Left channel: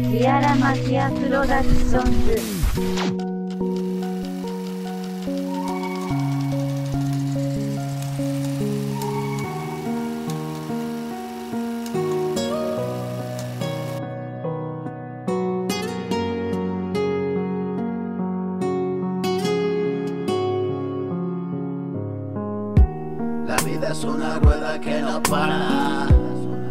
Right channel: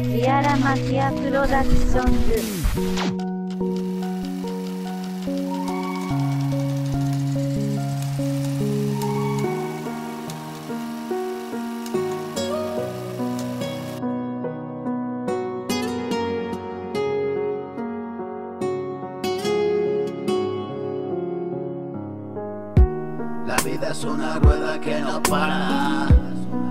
Magia Production. La vida es una rueda que no para.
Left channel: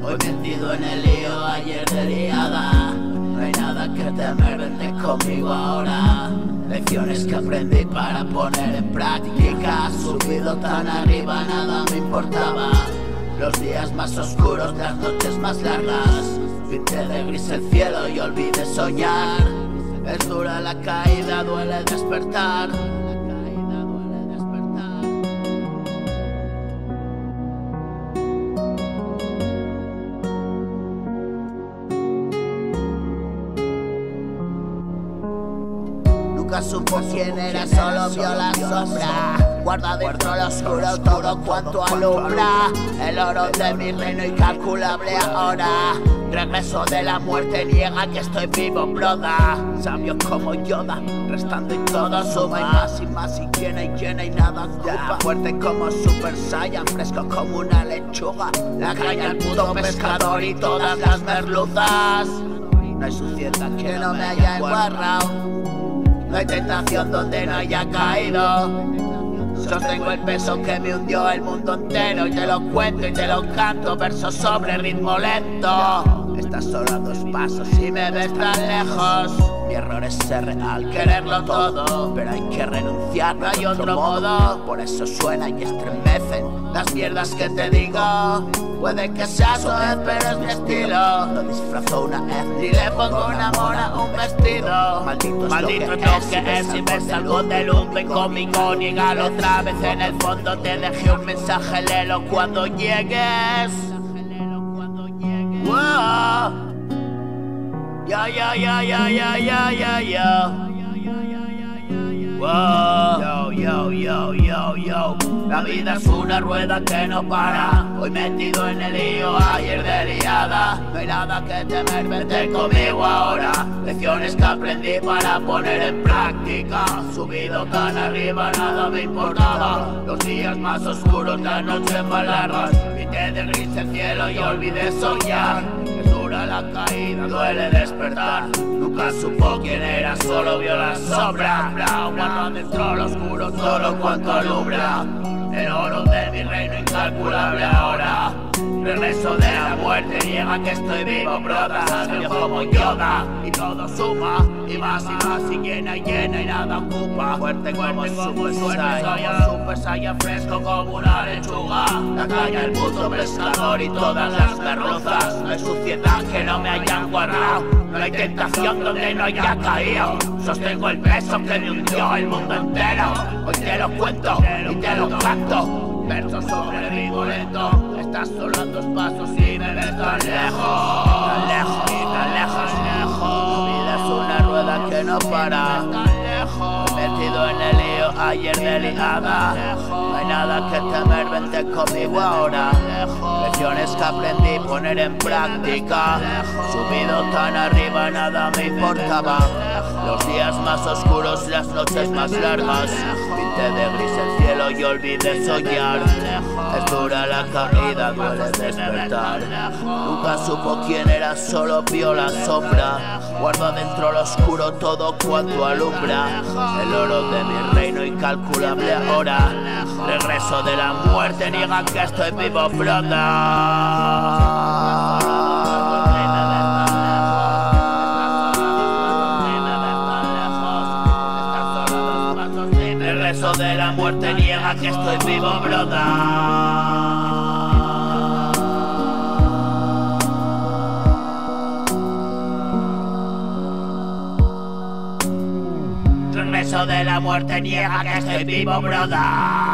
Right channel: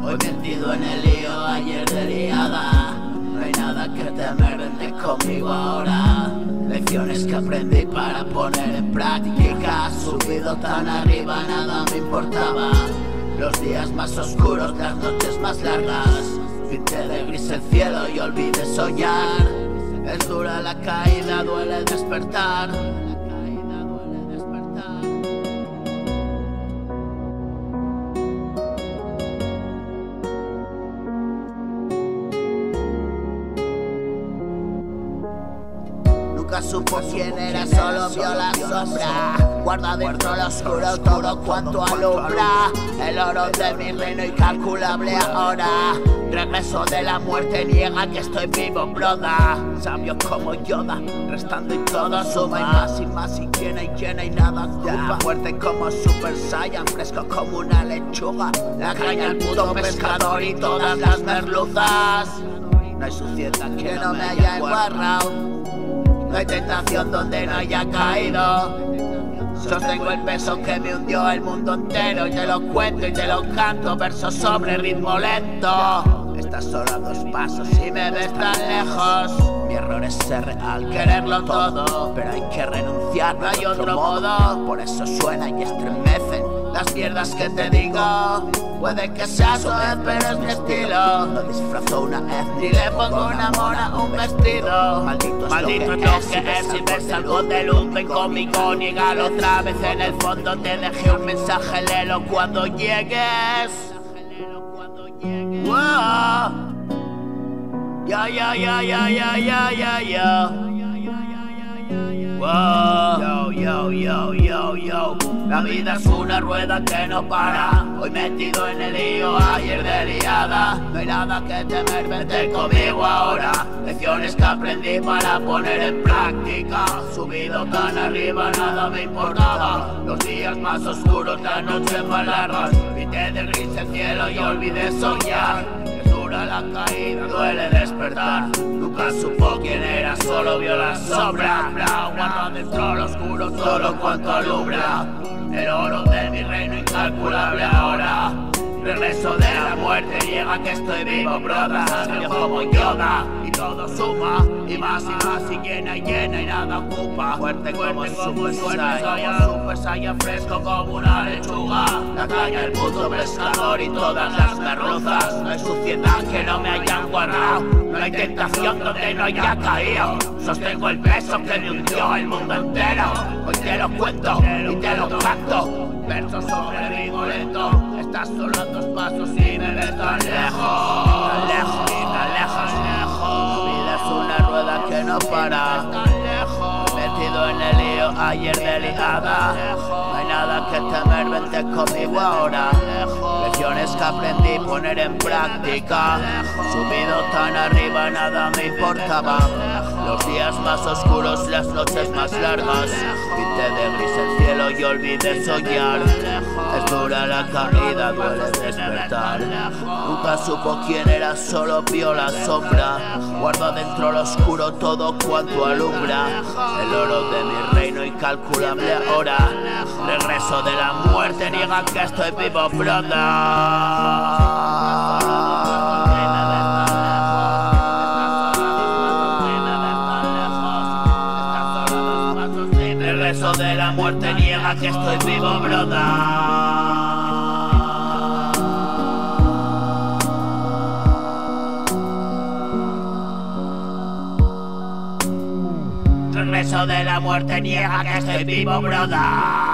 Hoy metido en el lío, ayer de liada. No hay nada que temer, vente conmigo ahora. Lecciones que aprendí para poner en práctica. Subido tan arriba, nada me importaba. Los días más oscuros, las noches más largas. Pinté de gris el cielo y olvidé soñar. Es dura la caída, duele despertar. Nunca supo quién era, solo vio la sombra. Guarda dentro lo oscuro todo cuanto alumbra. El oro de mi reino incalculable ahora. Regreso de la muerte, niega que estoy vivo, broda. Sabio como Yoda, restando y todo suma. Y más y llena y nada ocupa. Fuerte como Super Saiyan, fresco como una lechuga. La caña el puto pescador y todas las merluzas. No hay suciedad que no me haya embarrado. No hay tentación donde no haya caído. Sostengo el peso que me hundió el mundo entero. Y te lo cuento y te lo canto, verso sobre ritmo lento. Estás solo a 2 pasos y me ves tan lejos. Mi error es ser real, quererlo todo. Pero hay que renunciar, no hay otro modo. Por eso suena y estremece las mierdas que te digo. Puede que sea suave, pero es mi estilo. No disfrazo una vez ni le pongo una mona a un vestido. Maldito es lo que es y me salgo del hombre conmigo. Niégalo otra vez, en el fondo te dejé un mensaje, léelo cuando llegues. Wow. Ya. Wow. Yo. La vida es una rueda que no para. Hoy metido en el lío, ayer de liada. No hay nada que temer, vente conmigo ahora. Lecciones que aprendí para poner en práctica. Subido tan arriba, nada me importaba. Los días más oscuros, las noches más largas. Pinté de gris el cielo y olvidé soñar. Es dura la caída, duele despertar. Nunca supo quién era, solo vio la sombra. Guardo dentro lo oscuro todo cuanto alumbra. El oro de mi reino incalculable ahora. Regreso de la muerte, niega que estoy vivo, broda. Sabio como Yoda y todo suma. Y más y llena y nada ocupa. Fuerte como el Super Saiyan, fresco como una lechuga. La caña, el puto pescador y todas las merluzas. No hay suciedad que no me hayan guardado. No hay tentación donde no haya caído. Sostengo el peso que me hundió el mundo entero. Hoy te lo cuento y te lo canto. Versos sobre ritmo lento. Estás solo a 2 pasos y me ves tan lejos. Tan lejos. La vida es una rueda que no para. Metido en el lío, ayer de liada. No hay nada que temer, vente conmigo ahora. Lecciones que aprendí poner en práctica. Subido tan arriba, nada me importaba. Los días más oscuros, las noches más largas. Pinté de gris el cielo y olvidé soñar. Es dura la caída, duele despertar. Nunca supo quién era, solo vio la sombra. Guardo dentro lo oscuro todo cuanto alumbra. El oro de mi reino incalculable ahora. Regreso de la muerte, niega que estoy vivo, broda. Regreso de la muerte, niega que estoy vivo, broda. Regreso de la muerte, niega que estoy vivo, broda.